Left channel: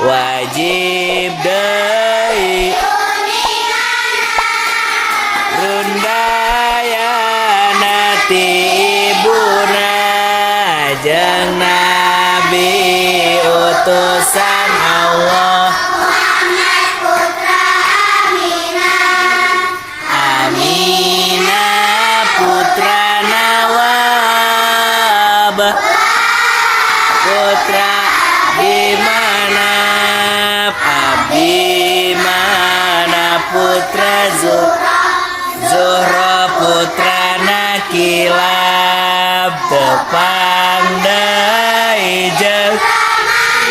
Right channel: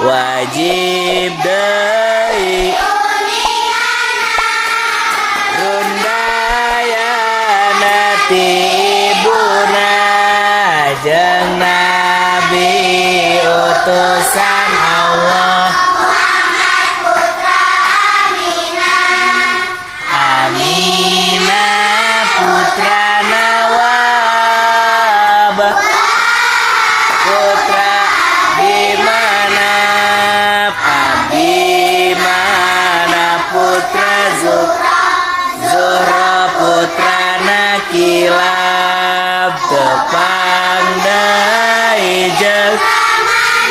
wajib deui rundayana ti ibuna jeung nabi utusan Allah Aminah putra Nawab putra gimana Abimana putra Zuhra putra Nakilab tepang dai jeung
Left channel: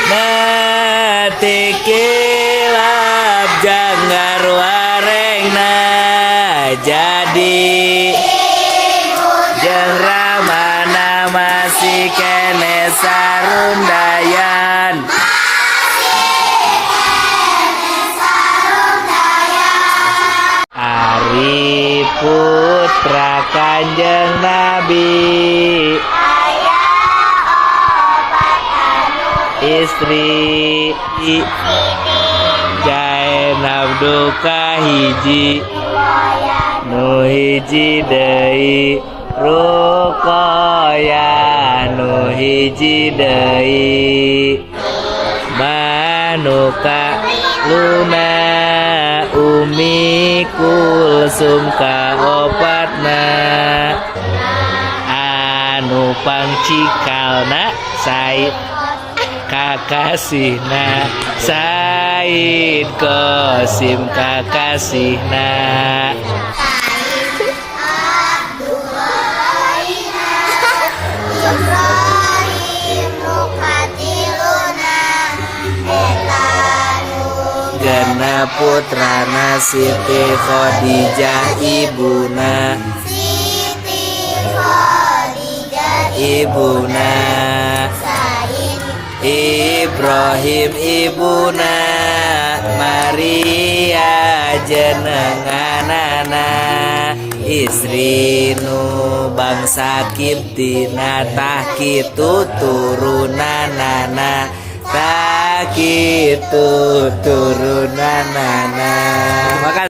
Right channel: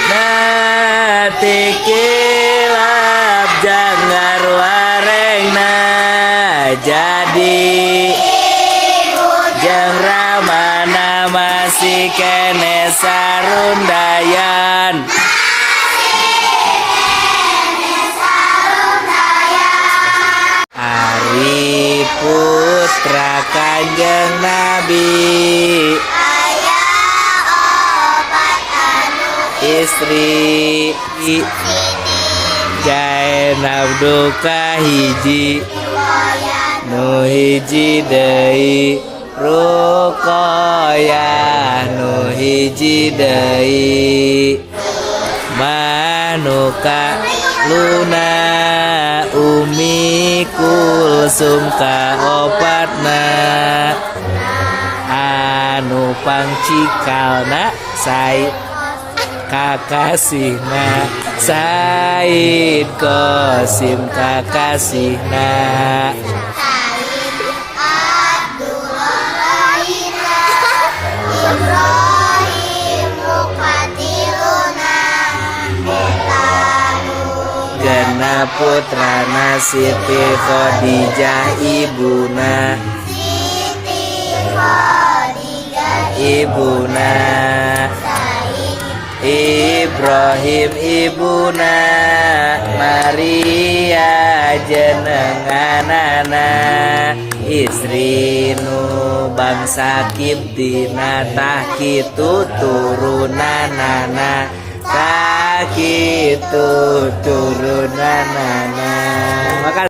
nati kilab janggar warengna jadi jeung ramana masih kene sarundayan Ari putra Kanjeng Nabi istri Zainab duka hiji nu hiji deui Ruqayyah nu hiji deui manuka luna Umi Kulsum kaopatna anu pangcikalna Said kakasihna Said Qasim kakasihna Gana putrana Siti Khadijah ibuna Ibrahim ibuna Maria jenenganana istri nu bangsa Kiptina tah kitu turunanana tah kitu turunanana. Makasih.